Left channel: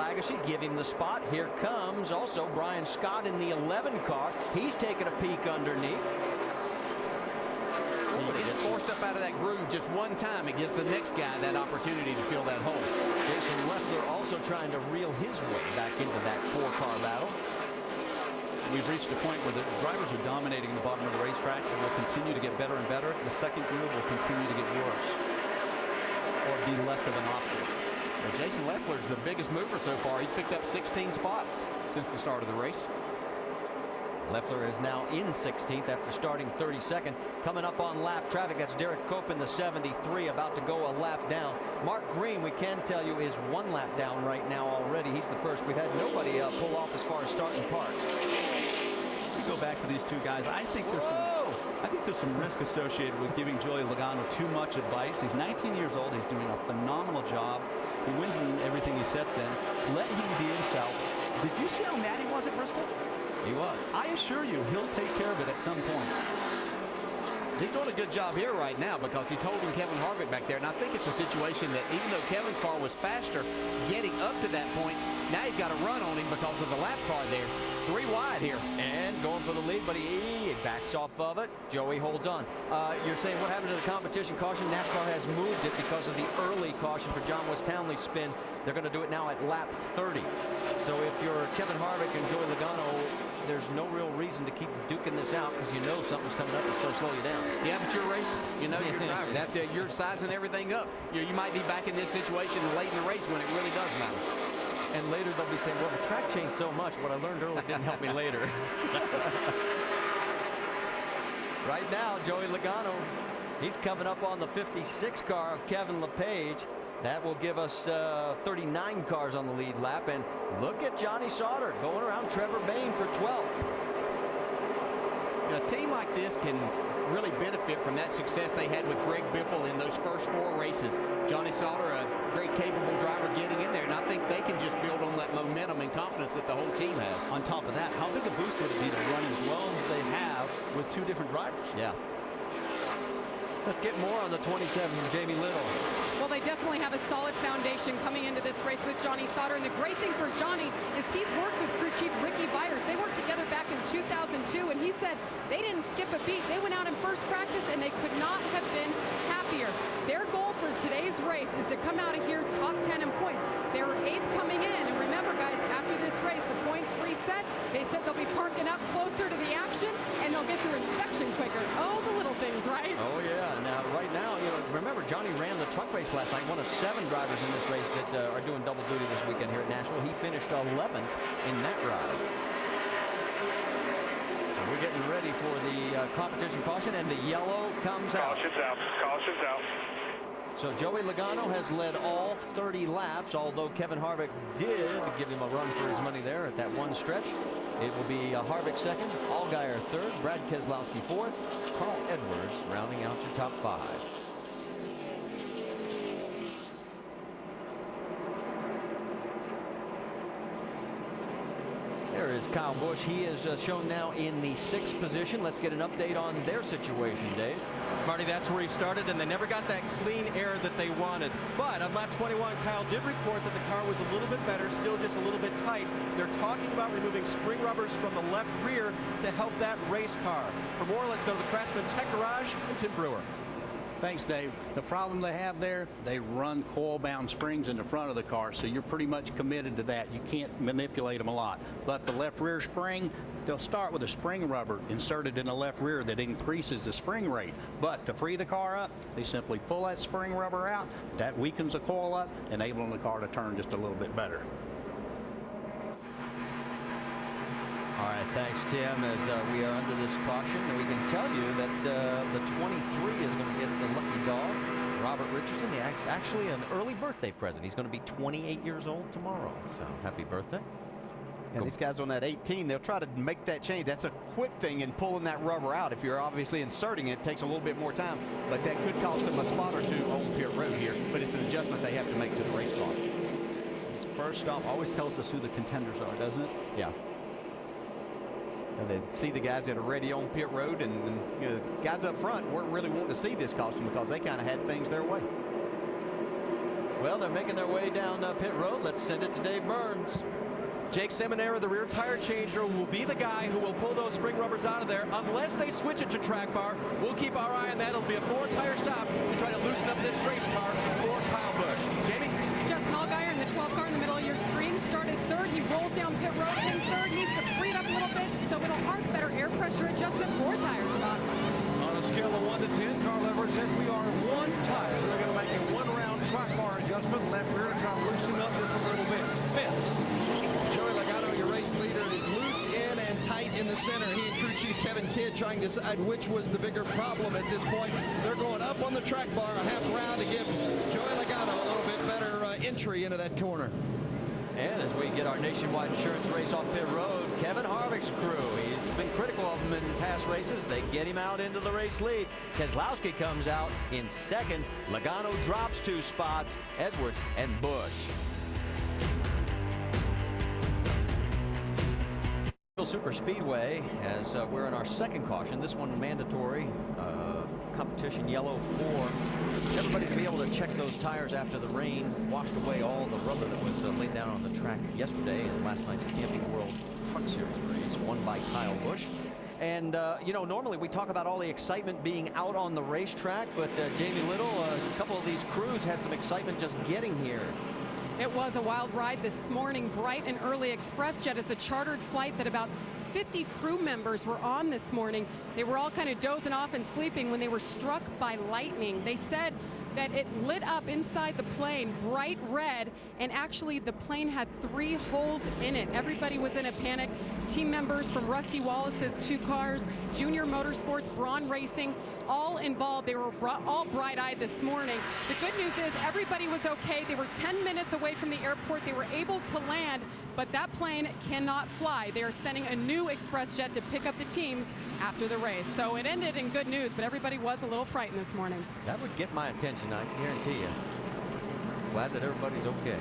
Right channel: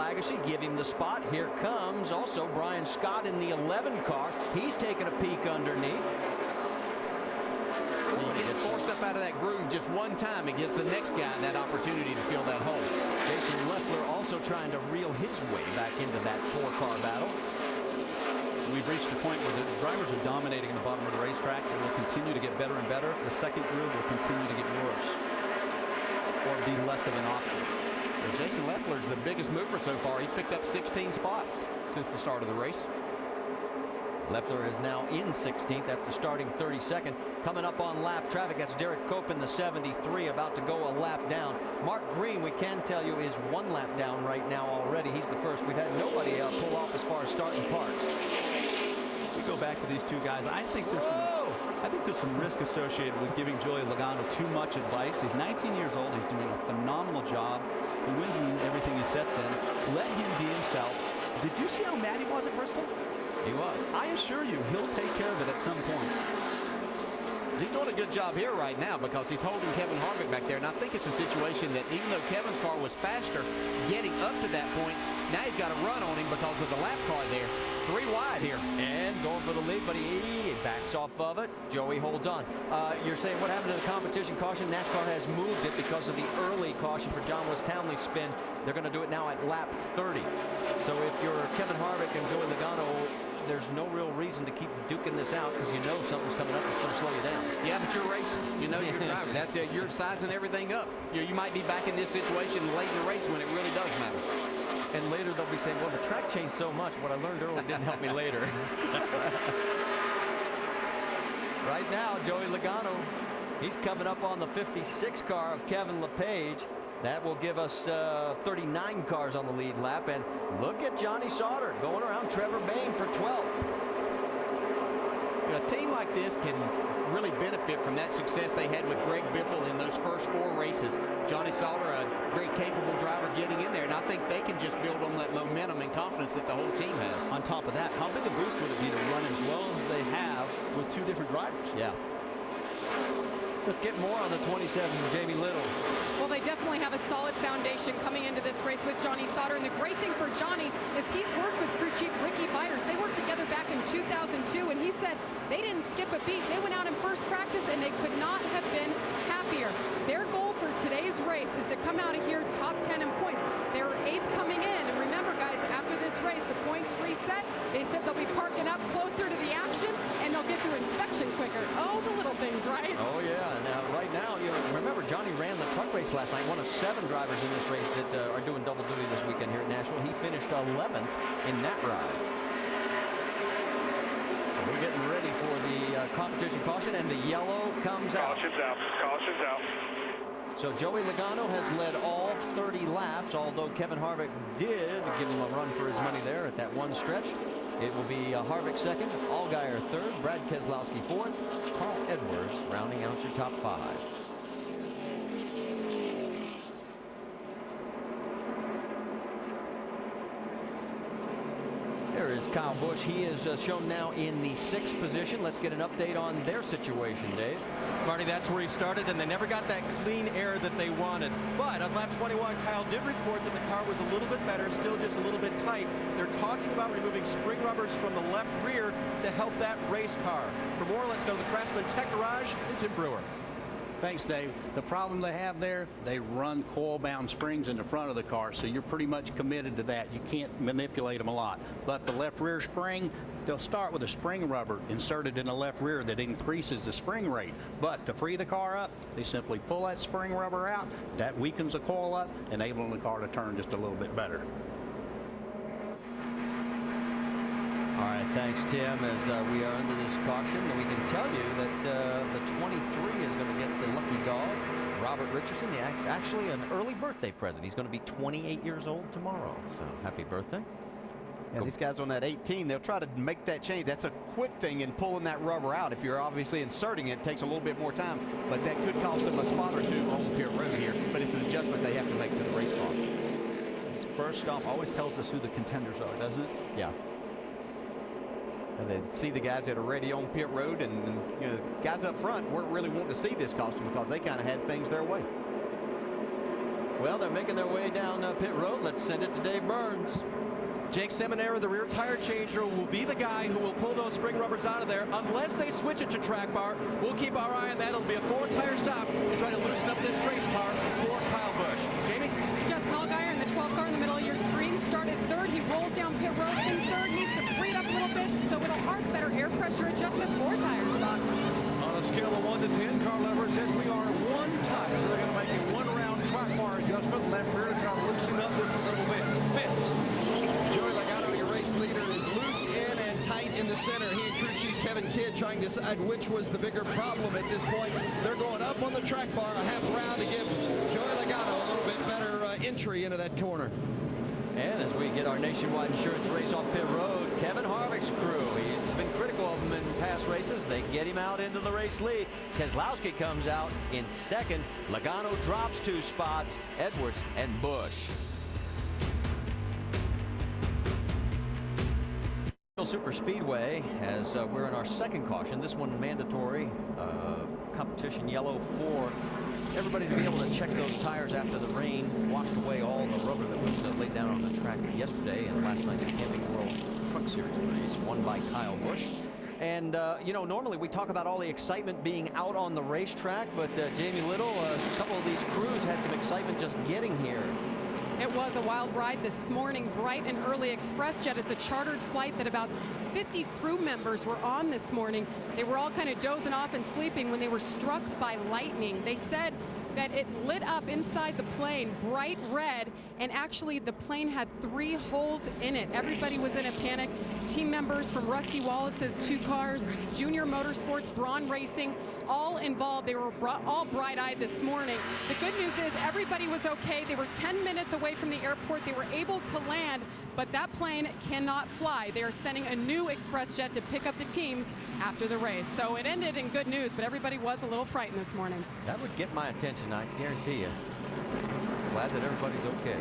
Lagacy, give him the spot. Here comes also Brian Scott in the 11 car. He's taking a peek underneath. When he gets forced up out of that groove just one time, it gives the next guy that opportunity to fill that hole. Jason Leffler also trying to reel his way back into that 4-car battle. We've reached a point where the drivers are dominating the bottom of the racetrack. It will continue to get better and better. The second groove will continue to get worse or be less of an option. Yeah, Jason Leffler's the biggest mover so far. He picked up 16 spots since the start of the race. Leffler is now in 16th after starting 32nd. Coming up on lap traffic, that's Derek Cope in the 73, about to go a lap down. Mark Green, we can tell you, is 1 lap down right now already. He's the first. We've had nobody pull off as far as starting parks. If we go back to these two guys, I think there's some risk associated with giving Joey Logano too much advice. He's 19 years old. He's doing a phenomenal job. He wins in everything he sets in. Let him be himself. Did you see how mad he was at Bristol? He was. I assure you, he'll take care of it at some point. He's doing a good job here right now because he's holding Kevin Harvick back there. And I think it's a situation that even though Kevin's car was faster getting up to that point, now he's got a run on him because of the lap car there. 3 wide here. And going for the lead, but he backs off of it. Joey holds on. You're saying what happened to the competition caution? NASCAR has moved it because of the early caution for John West Townley's spin. They're going to do it now at lap 30. So if you're Kevin Harvick and Joey Logano, there's no real reason to keep duking this out because you know something's coming up that's going to slow you down. Yeah, but you're racing. You know you're driving. That's it. You're sizing everything up. You might be back in this situation late in the race when it really does matter. And later they'll be saying, well, the track changed so much. What I learned early didn't help me later. Right now, Joey Logano, he's coming up on the 56 car of Kevin LePage. That will give us 39 cars on the lead lap. And look at Johnny Sauter going around Trevor Bayne for 12th. A team like this can really benefit from that success they had with Greg Biffle in those first 4 races. Johnny Sauter, a very capable driver getting in there, and I think they can just build on that momentum and confidence that the whole team has. On top of that, how big a boost would it be to run as well as they have with 2 different drivers? Yeah. Let's get more on the 27, Jamie Little. Well, they definitely have a solid foundation coming into this race with Johnny Sauter. And the great thing for Johnny is he's worked with crew chief Ricky Byers. They worked together back in 2002, and he said they didn't skip a beat. They went out in first practice, and they could not have been happier. Their goal for today's race is to come out of here top 10 in points. They were 8th coming in. And remember, guys, after this race, the points reset. They said they'll be parking up closer to the action, and they'll get through inspection quicker. Oh, the little things, right? Oh, yeah. Now, right now, you know, remember, Johnny ran the truck race last night, one of 7 drivers in this race that are doing double duty this weekend here at Nashville. He finished 11th in that ride. So we're getting ready for the competition caution, and the yellow comes out. Caution's out. Caution's out. So Joey Logano has led all 30 laps, although Kevin Harvick did give him a run for his money there at that one stretch. It will be Harvick second, Allgaier third, Brad Keselowski fourth, Carl Edwards rounding out your top 5. There is Kyle Busch. He is shown now in the 6th position. Let's get an update on their situation, Dave. Marty, that's where he started, and they never got that clean air that they wanted. But on lap 21, Kyle did report that the car was a little bit better, still just a little bit tight. They're talking about removing spring rubbers from the left rear to help that race car. For more, let's go to the Craftsman Tech Garage and Tim Brewer. Thanks, Dave. The problem they have there, they run coil-bound springs in the front of the car, so you're pretty much committed to that. You can't manipulate them a lot. But the left rear spring, they'll start with a spring rubber inserted in the left rear that increases the spring rate. But to free the car up, they simply pull that spring rubber out. That weakens the coil up, enabling the car to turn just a little bit better. All right, thanks, Tim. As we are under this caution, and we can tell you that the 23 is going to get the lucky dog, Robert Richardson. Actually an early birthday present. He's going to be 28 years old tomorrow, so happy birthday. And these guys on that 18, they'll try to make that change. That's a quick thing in pulling that rubber out. If you're obviously inserting it, it takes a little bit more time, but that could cost them a spot or 2 on pit road here. But it's an adjustment they have to make to the race car. This first stop always tells us who the contenders are, doesn't it? Yeah. And they see the guys that are ready on pit road, and you know, guys up front weren't really wanting to see this caution because they kind of had things their way. Well, they're making their way down pit road. Let's send it to Dave Burns. Jake Seminara, the rear tire changer, will be the guy who will pull those spring rubbers out of there unless they switch it to track bar. We'll keep our eye on that. It'll be a 4-tire stop to try to loosen up this race car for Kyle Busch. Jamie? Justin Allgaier in the 12 car in the middle of your screen started third. He rolls down pit road in third, needs to free it up a little bit, so it'll arc. Better air pressure adjustment, 4 tires, Doc. On a scale of 1 to 10, Carl Everett says we are 1 tie, so they're going to make a 1-round track bar adjustment left rear to try to loosen up just a little bit. Vince. Joey Logano, your race leader, is loose in and tight in the center. He and crew chief Kevin Kidd trying to decide which was the bigger problem at this point. They're going up on the track bar a half round to give Joey Logano a little bit better entry into that corner. And as we get our nationwide insurance race off pit road, Kevin Harvick's crew, he's been critical of him in past races. They get him out into the race lead. Keselowski comes out in second. Logano drops 2 spots. Edwards and Busch. Nashville Superspeedway, as we're in our second caution. This one mandatory, competition yellow for everybody to be able to check those tires after the rain washed away all the rubber that was laid down on the track yesterday in last night's Camping World Truck Series race, won by Kyle Busch. And, you know, normally we talk about all the excitement being out on the racetrack, but Jamie Little, a couple of these crews had some excitement just getting here. It was a wild ride this morning. Bright and early ExpressJet is a chartered flight that about 50 crew members were on this morning. They were all kind of dozing off and sleeping when they were struck by lightning. They said that it lit up inside the plane bright red, and actually the plane had 3 holes in it. Everybody was in a panic. Team members from Rusty Wallace's 2 cars, Junior Motorsports, Braun Racing, all involved. They were all bright-eyed this morning. The good news is everybody was okay. They were 10 minutes away from the airport. They were able to land, but that plane cannot fly. They are sending a new ExpressJet to pick up the teams after the race. So it ended in good news, but everybody was a little frightened this morning. That would get my attention, I guarantee you. Glad that everybody's okay.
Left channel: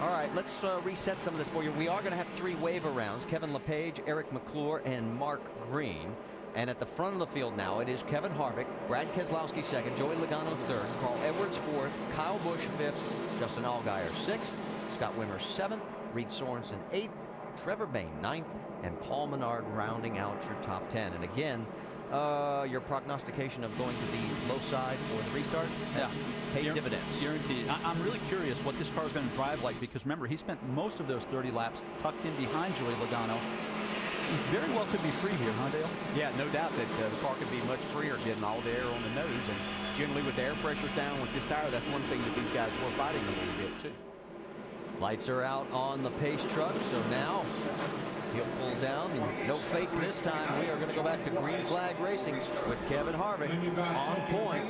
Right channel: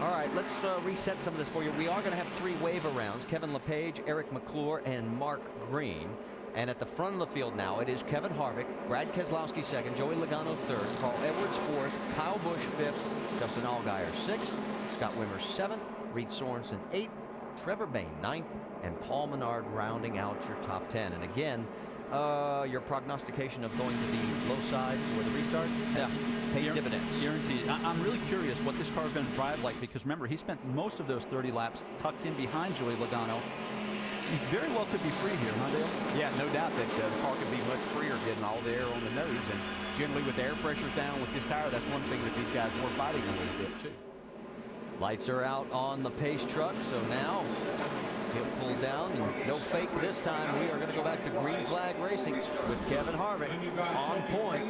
All right, let's reset some of this for you. We are going to have 3 waiver rounds. Kevin LePage, Eric McClure, and Mark Green. And at the front of the field now, it is Kevin Harvick, Brad Keselowski second, Joey Logano third, Carl Edwards fourth, Kyle Busch fifth, Justin Allgaier sixth, Scott Wimmer seventh, Reed Sorensen eighth, Trevor Bayne ninth, and Paul Menard rounding out your top 10. And again, your prognostication of going to the low side for the restart has paid dividends. Guaranteed. I'm really curious what this car is going to drive like, because remember, he spent most of those 30 laps tucked in behind Joey Logano. He very well could be free here, huh, Dale? Yeah, no doubt that the car could be much freer, getting all the air on the nose. And generally with the air pressures down with this tire, that's one thing that these guys were fighting a little bit too. Lights are out on the pace truck, so now he'll pull down, and no fake this time. We are going to go back to green flag racing with Kevin Harvick on point.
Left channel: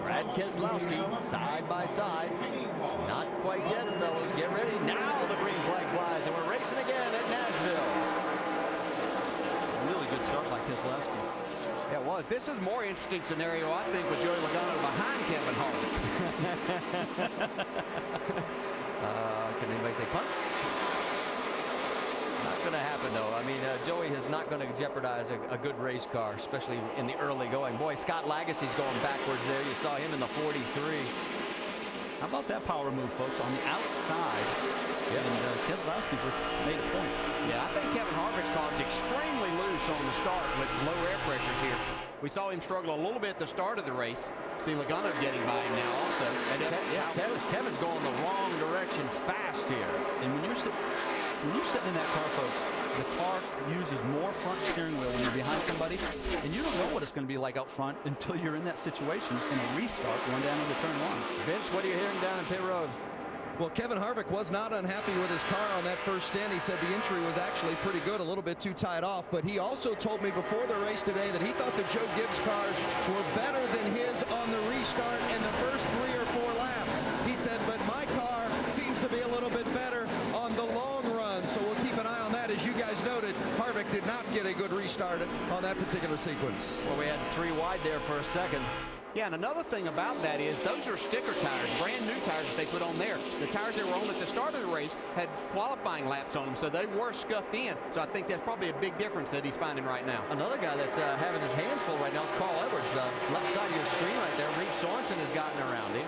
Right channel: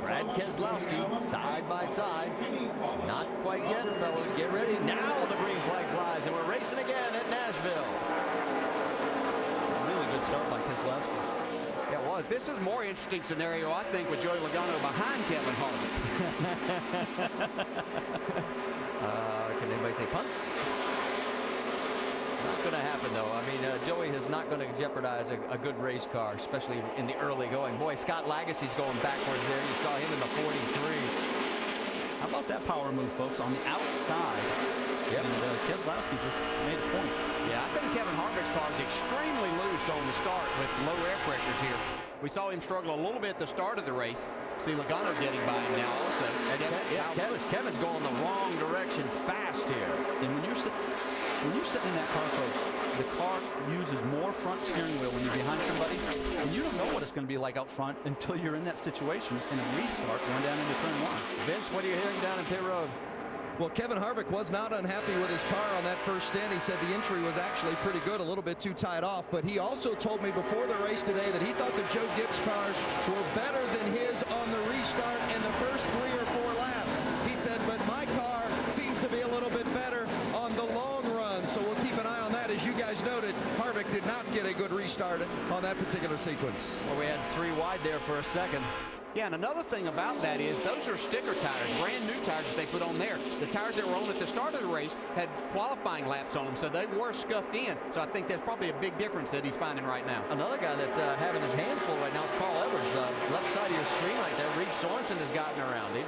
Brad Keselowski side by side. Not quite yet, fellows. Get ready. Now the green flag flies, and we're racing again at Nashville. Really good start by Keselowski. Yeah, it was. This is a more interesting scenario, I think, with Joey Logano behind Kevin Harvick. Can anybody say punt? Not going to happen, though. I mean, Joey is not going to jeopardize a good race car, especially in the early going. Boy, Scott Lagacy's going backwards there. You saw him in the 43. How about that power move, folks, on the outside? Yep. And Keselowski just made a point. Yeah, I think Kevin Harvick's car is extremely loose on the start with low air pressures here. We saw him struggle a little bit at the start of the race. See Logano getting by him now also. And Kevin's going the wrong direction fast here. And when you're sitting in that car, folks, the car uses more front steering wheel when you're behind somebody, and you don't know what it's going to be like out front until you're in that situation in a restart going down into turn 1. Vince, what are you hearing down in pit road? Well, Kevin Harvick was not unhappy with his car on that first stint. He said the entry was actually pretty good, a little bit too tied off. But he also told me before the race today that he thought the Joe Gibbs cars were better than his on the restart in the first 3 or 4 laps. He said, but my car seems to be a little bit better on the long run. So we'll keep an eye on that. As you guys noted, Harvick did not get a good restart on that particular sequence. Well, we had 3 wide there for a second. Yeah, and another thing about that is those are sticker tires, brand new tires that they put on there. The tires that were on at the start of the race had qualifying laps on them, so they were scuffed in. So I think that's probably a big difference that he's finding right now. Another guy that's having his hands full right now is Carl Edwards. Left side of your screen right there. Reed Sorensen has gotten around him.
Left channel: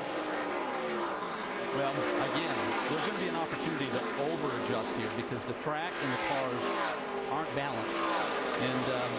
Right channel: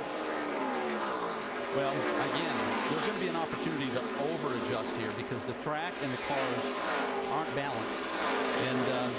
Well, again, there's going to be an opportunity to over-adjust here because the track and the cars aren't balanced. And